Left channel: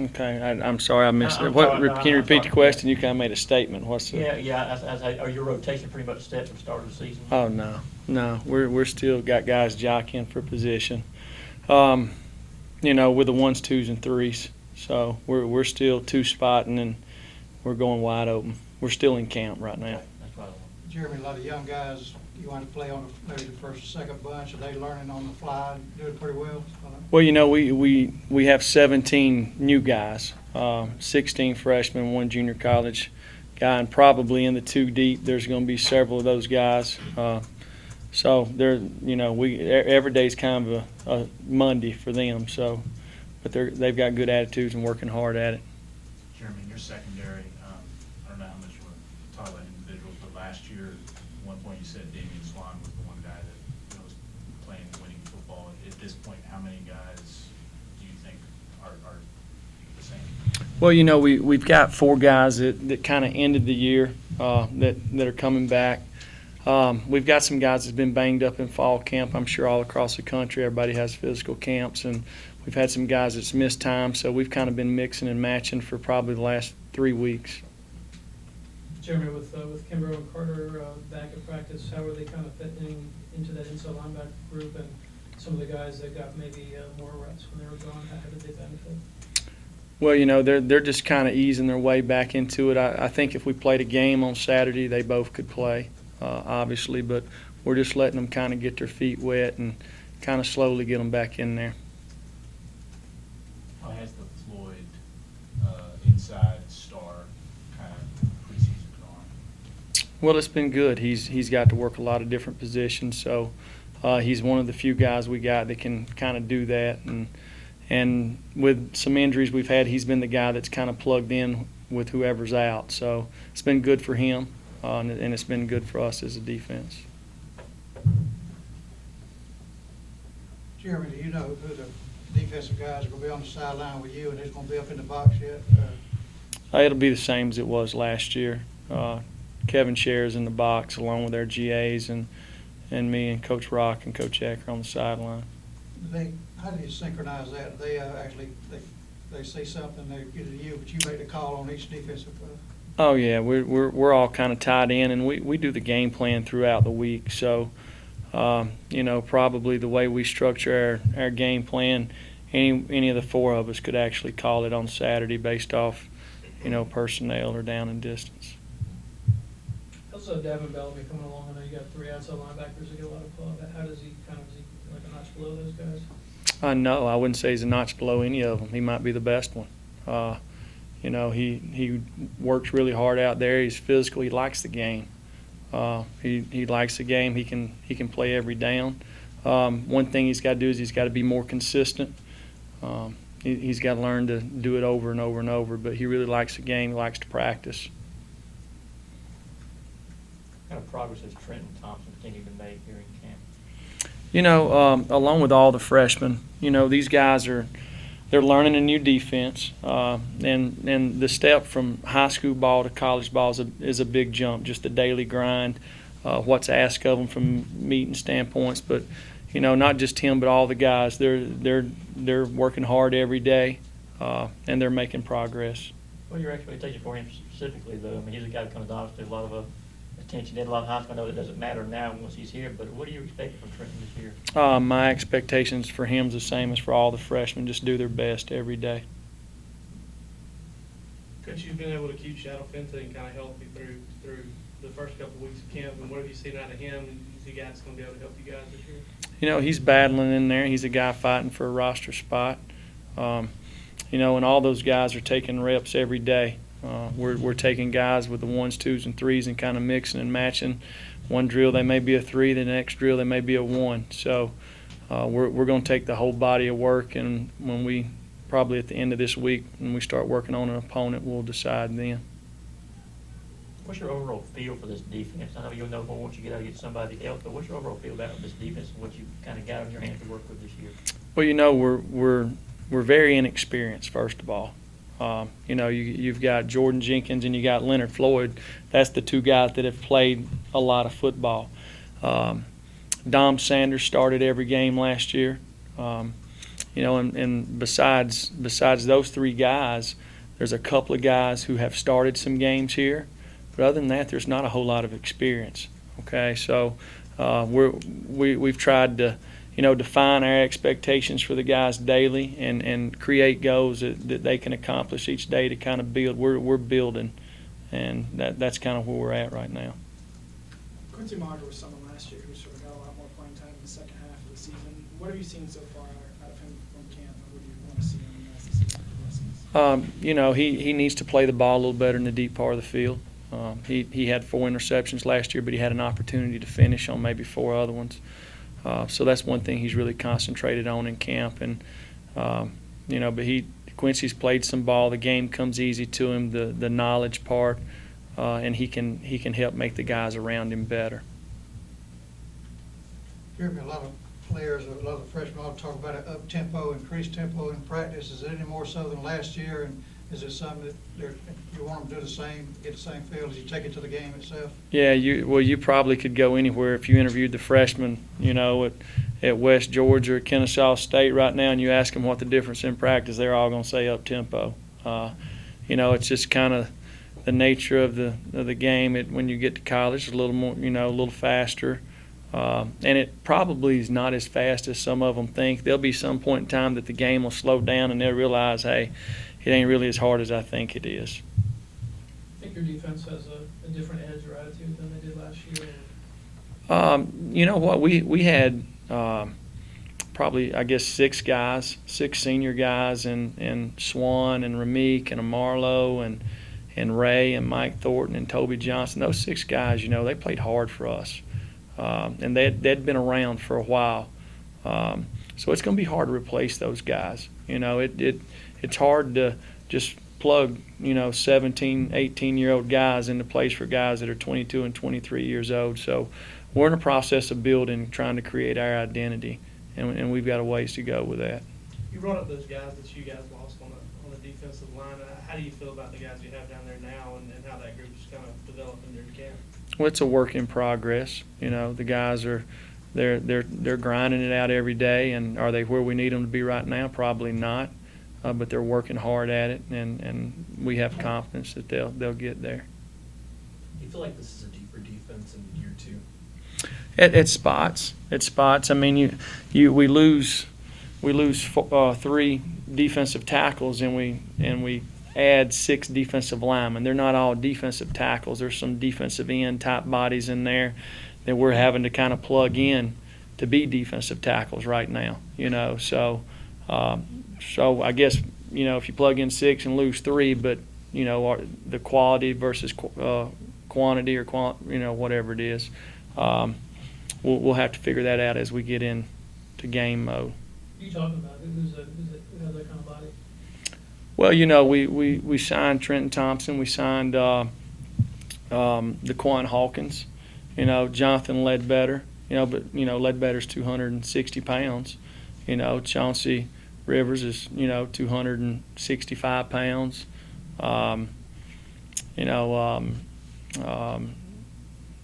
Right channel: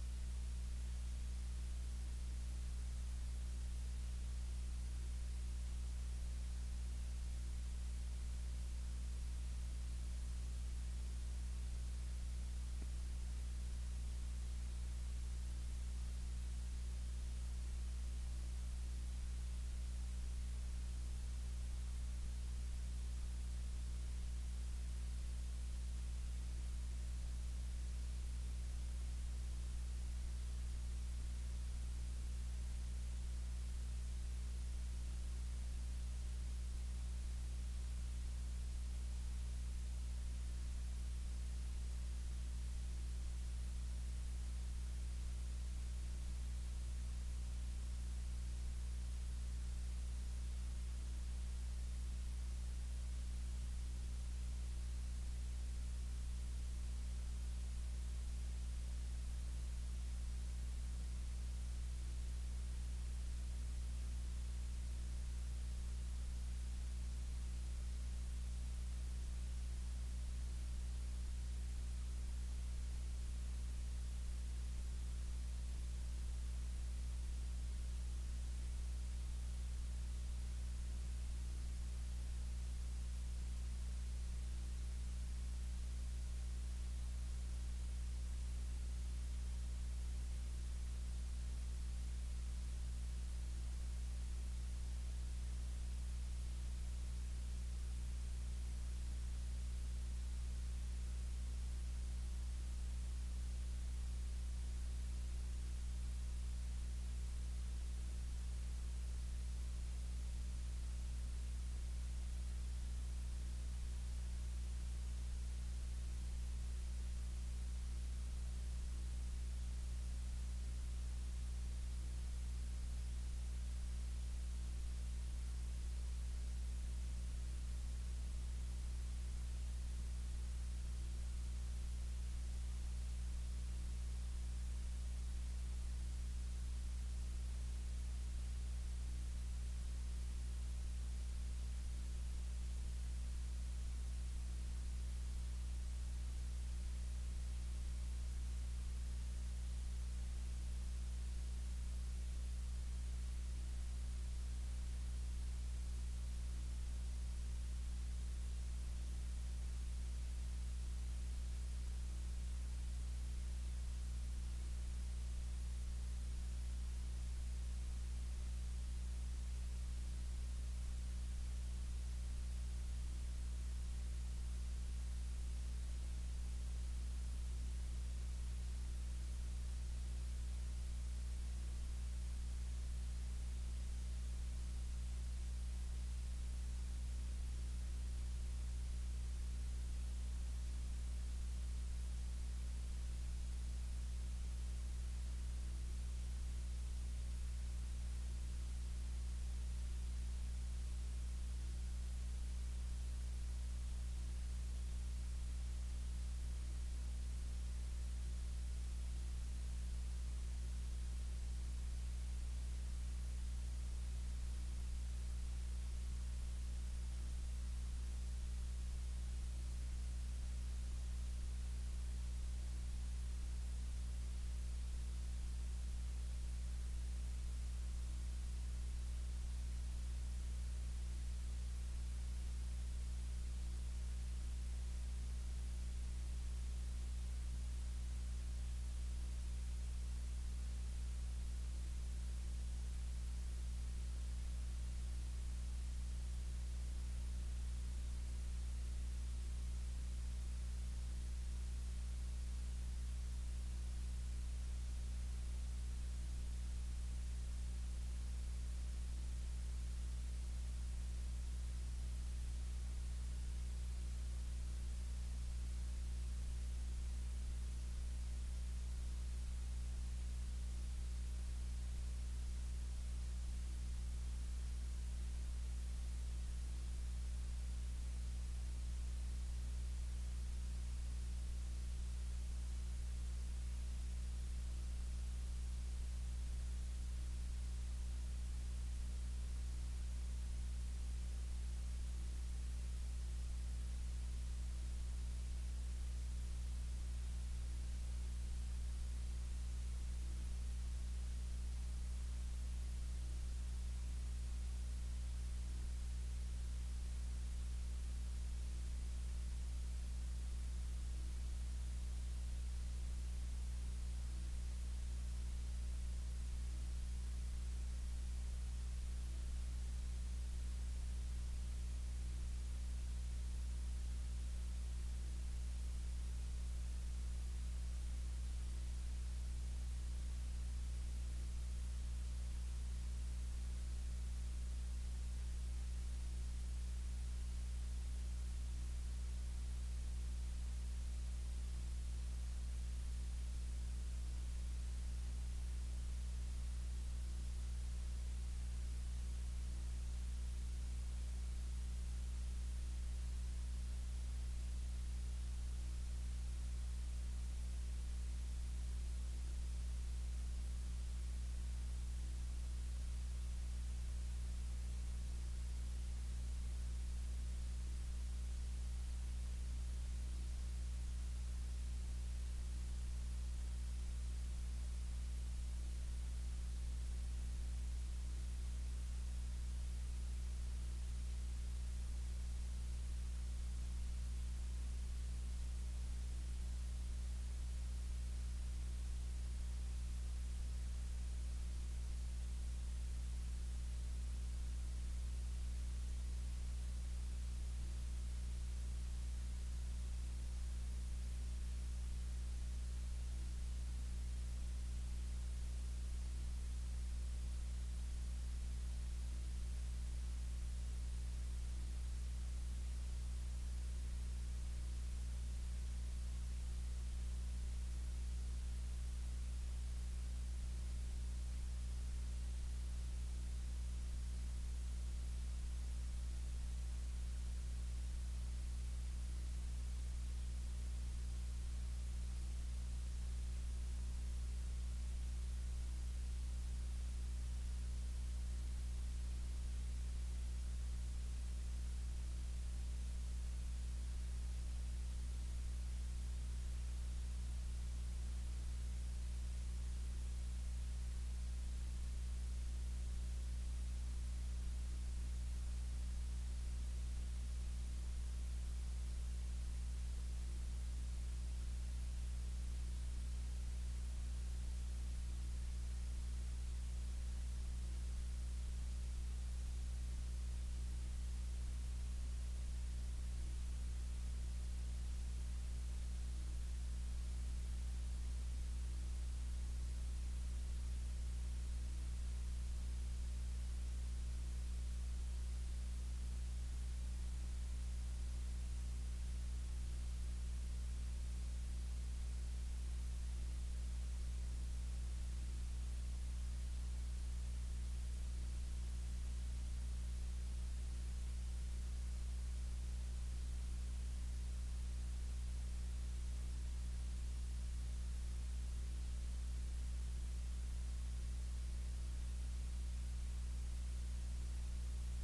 Okay, I'm sorry I missed it. I'm What? sorry, no, Can you I'm repeat sorry. your question? You kind of made a statement. What's the? Are your rotation pretty much set for the start of the season? Oh no. We're still got guys jockeying for position. Um, with the ones, twos, and threes. So we're still two spotting and we're going wide open. We're still in camp right now. Okay, that's what I want. Jeremy, a lot of young guys, you want to play on maybe the first or second bunch, are they learning on the fly and doing pretty well? Well, we have 17 new guys, 16 freshmen, one junior college guy, and probably in the two deep, there's going to be several of those guys. So every day's kind of a Monday for them. So, but they've got good attitudes and working hard at it. Jeremy, in your secondary, I don't know how much you want to talk about individuals, but last year, at one point you said Damian Swan was the one guy that was playing winning football. At this point, how many guys do you think are the same? Well, we've got four guys that kind of ended the year that are coming back. We've got some guys that's been banged up in fall camp. I'm sure all across the country, everybody has physical camps, and we've had some guys that's missed time. So we've kind of been mixing and matching for probably the last 3 weeks. Jeremy, with Kimbrough and Carter back in practice, how are they kind of fitting into that inside linebacker group, and some of the guys that got maybe more reps when they were gone, how did they benefit? Well, they're just kind of easing their way back into it. I think if we played a game on Saturday, they both could play, obviously, but we're just letting them kind of get their feet wet and kind of slowly get them back in there. How has the Floyd inside star kind of preseason gone? Well, it's been good. He's got to work a lot of different positions, so he's one of the few guys we got that can kind of do that. And with some injuries we've had, he's been the guy that's kind of plugged in with whoever's out. So it's been good for him, and it's been good for us as a defense. Jeremy, do you know who the defensive guys are going to be on the sideline with you and who's going to be up in the box yet? It'll be the same as it was last year. Kevin shares in the box along with our GAs and me and Coach Rock and Coach Ecker on the sideline. How do you synchronize that? They actually they see something, they get it to you, but you make the call on each defensive player? Oh yeah, we're all kind of tied in, and we do the game plan throughout the week. So, probably the way we structure our game plan, any of the four of us could actually call it on Saturday based off, personnel or down and distance. Also, Davin Bellamy coming along. I know you got three outside linebackers that get a lot of play. How does he is he like a notch below those guys? No, I wouldn't say he's a notch below any of them. He might be the best one. He works really hard out there. He's physical. He likes the game. He likes the game. He can play every down. One thing he's got to do is he's got to be more consistent. He's got to learn to do it over and over and over. But he really likes the game. He likes to practice. What kind of progress has Trenton Thompson continued to make here in camp? Along with all the freshmen, these guys they're learning a new defense, and the step from high school ball to college ball is a big jump. Just the daily grind, what's asked of them from meeting standpoints. But not just him, but all the guys. They're working hard every day, and they're making progress. What are your expectations for him specifically, though? I mean, he's a guy that comes obviously a lot of attention. A lot of high school. I know that doesn't matter now once he's here, but what do you expect from Trenton this year? My expectations for him is the same as for all the freshmen. Just do their best every day. Coach, you've been able to keep Shadow Fenton and kind of help you through the first couple of weeks of camp. And what have you seen out of him? Is he a guy that's going to be able to help you guys this year? He's battling in there. He's a guy fighting for a roster spot. And all those guys are taking reps every day. We're taking guys with the ones, twos, and threes and kind of mixing and matching. One drill they may be a 3, the next drill they may be a 1. So we're going to take the whole body of work, and when we probably at the end of this week when we start working on an opponent, we'll decide then. What's your overall feel for this defense? I know you'll know more once you get out and get somebody else, but what's your overall feel about this defense and what you kind of got on your hands to work with this year? Well, we're very inexperienced, first of all. You've got Jordan Jenkins and you got Leonard Floyd. That's the two guys that have played a lot of football. Dom Sanders started every game last year. and besides those three guys, there's a couple of guys who have started some games here, but other than that, there's not a whole lot of experience. Okay, so we've tried to, define our expectations for the guys daily and create goals that they can accomplish each day to kind of build. We're building, and that's kind of where we're at right now. Quincy Monger was someone last year who sort of got a lot more playing time in the second half of the season. What have you seen so far out of him from camp, and what do you want to see him in the rest of the season? He needs to play the ball a little better in the deep part of the field. He had 4 interceptions last year, but he had an opportunity to finish on maybe 4 other ones. So that's one thing he's really concentrated on in camp. And but Quincy's played some ball. The game comes easy to him, the knowledge part, and he can help make the guys around him better. Jeremy, a lot of players, a lot of the freshmen all talk about up tempo, increased tempo in practice. Is it any more so than last year? And is it something that you want them to do the same, get the same feel as you take it to the game itself? Yeah, you probably could go anywhere if you interviewed the freshmen, at West Georgia or Kennesaw State right now, and you ask them what the difference in practice, they're all going to say up tempo. It's just kind of the nature of the game. When you get to college, it's a little more, a little faster. And it probably is not as fast as some of them think. There'll be some point in time that the game will slow down and they'll realize, hey, it ain't really as hard as I think it is. I think your defense has a different edge or attitude than they did last year. You know what? We had probably, I guess, 6 senior guys, and Swan and Ramik and Amarlo and Ray and Mike Thornton and Toby Johnson. Those 6 guys, they played hard for us. And they'd been around for a while. So it's going to be hard to replace those guys. It's hard to just plug, 17, 18-year-old guys into place for guys that are 22 and 23 years old. So we're in the process of building, trying to create our identity, and we've got a ways to go with that. You brought up those guys that you guys lost on the defensive line. How do you feel about the guys you have down there now and how that group's kind of developing during camp? Well, it's a work in progress. The guys they're grinding it out every day, and are they where we need them to be right now? Probably not, but they're working hard at it, and we have confidence that they'll get there. Do you feel like this is a deeper defense in year 2? At spots. I mean, we lose 3 defensive tackles, and we add 6 defensive linemen. They're not all defensive tackles. There's some defensive end type bodies in there that we're having to kind of plug in to be defensive tackles right now. So I guess if you plug in 6 and lose 3, but the quality versus quantity or whatever it is, we'll have to figure that out as we get into game mode. Who are you talking about? Who has that kind of body? Well, we signed Trenton Thompson. We signed DeQuan Hawkins. Jonathan Ledbetter. But Ledbetter's 260 pounds. Chauncey Rivers is 265 pounds.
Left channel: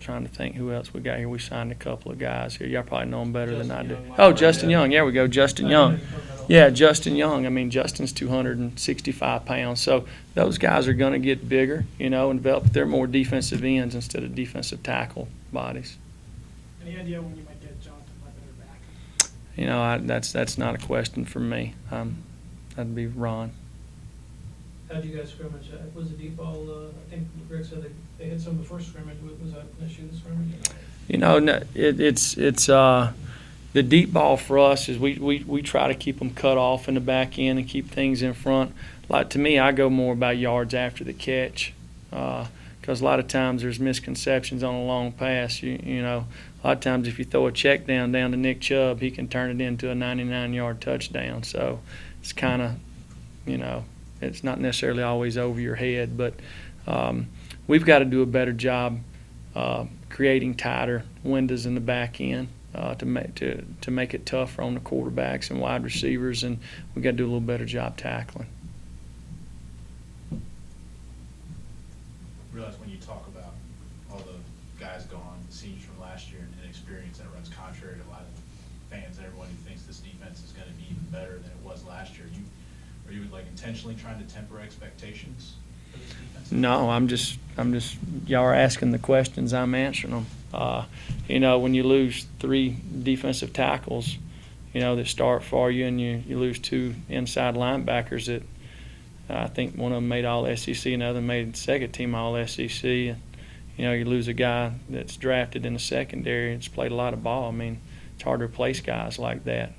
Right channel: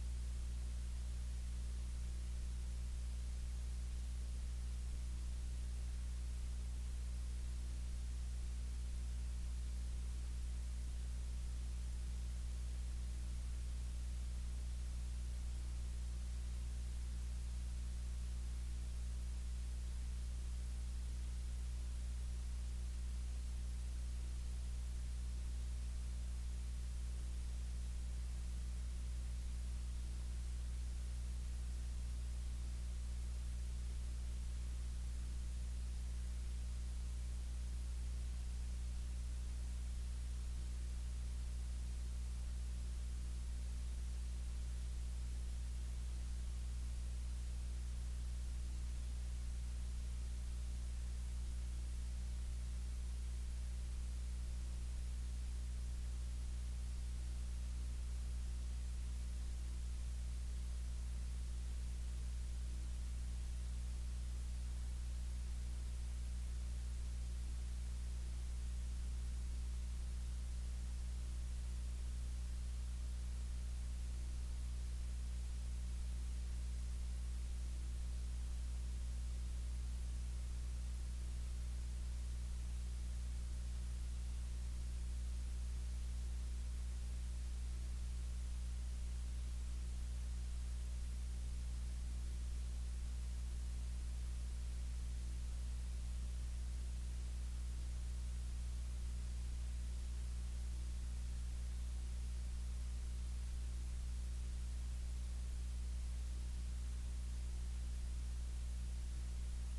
Trying to think who else we got here. We signed a couple of guys here. Y'all probably know them better than I do. Oh, Justin Young. There we go, Justin Young. Yeah, Justin Young. I mean, Justin's 265 pounds. So those guys are going to get bigger, and develop. They're more defensive ends instead of defensive tackle bodies. Any idea when you might get Jonathan Ledbetter back? That's not a question for me. That'd be Ron. How do you guys scrimmage? Was the deep ball, I think Rick said they hit some of the first scrimmage. Was that an issue this scrimmage? It's the deep ball for us is we try to keep them cut off in the back end and keep things in front. Like, to me, I go more about yards after the catch, because a lot of times there's misconceptions on a long pass. A lot of times if you throw a check down to Nick Chubb, he can turn it into a 99-yard touchdown. So it's kind of, it's not necessarily always over your head, but we've got to do a better job creating tighter windows in the back end to make it tougher on the quarterbacks and wide receivers, and we've got to do a little better job tackling. I realize when you talk about all the guys gone, seniors from last year, and inexperience, that runs contrary to a lot of fans and everyone who thinks this defense is going to be even better than it intentionally trying to temper expectations for this defense? No, I'm just, y'all are asking the questions, I'm answering them. You know, when you lose 3 defensive tackles, you know, that start for you, and you lose 2 inside linebackers that I think one of them made all SEC, another made second team all SEC. You know, you lose a guy that's drafted in the secondary and has played a lot of ball. I mean, it's hard to replace guys like that.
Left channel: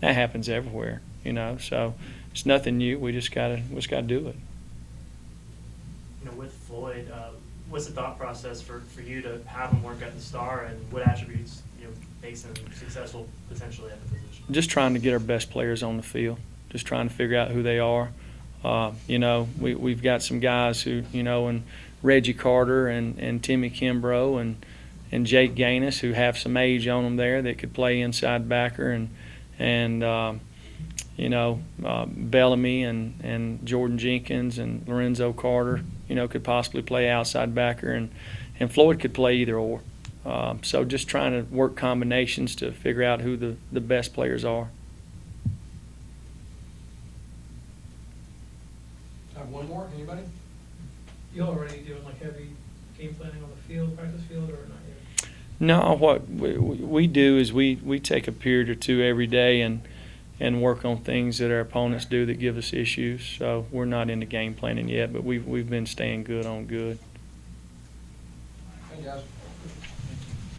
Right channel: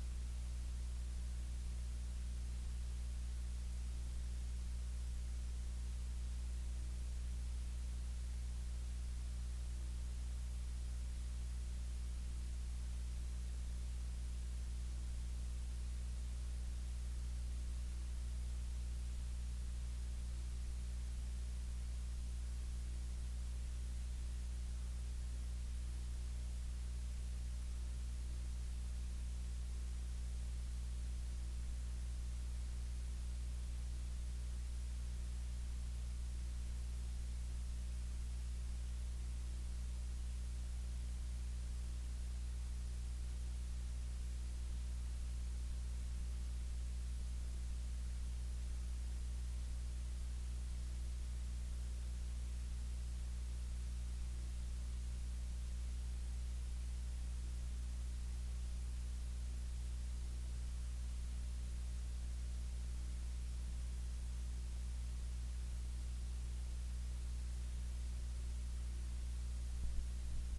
That happens everywhere, you know, so it's nothing new. We just gotta do it. You know, with Floyd, what's the thought process for you to have him work at the Star, and what attributes, you know, makes him successful potentially at the position? Just trying to get our best players on the field. Just trying to figure out who they are. You know, we've got some guys who, you know, and Reggie Carter and Timmy Kimbrough and Jake Gaines, who have some age on them there that could play inside backer, and you know, Bellamy and Jordan Jenkins and Lorenzo Carter, you know, could possibly play outside backer, and Floyd could play either or. So just trying to work combinations to figure out who the best players are. Have one more, anybody? You already doing like heavy game planning on the field, practice field, or not yet? No, what we do is we take a period or 2 every day and work on things that our opponents do that give us issues. So we're not into game planning yet, but we've been staying good on good. Hey, guys.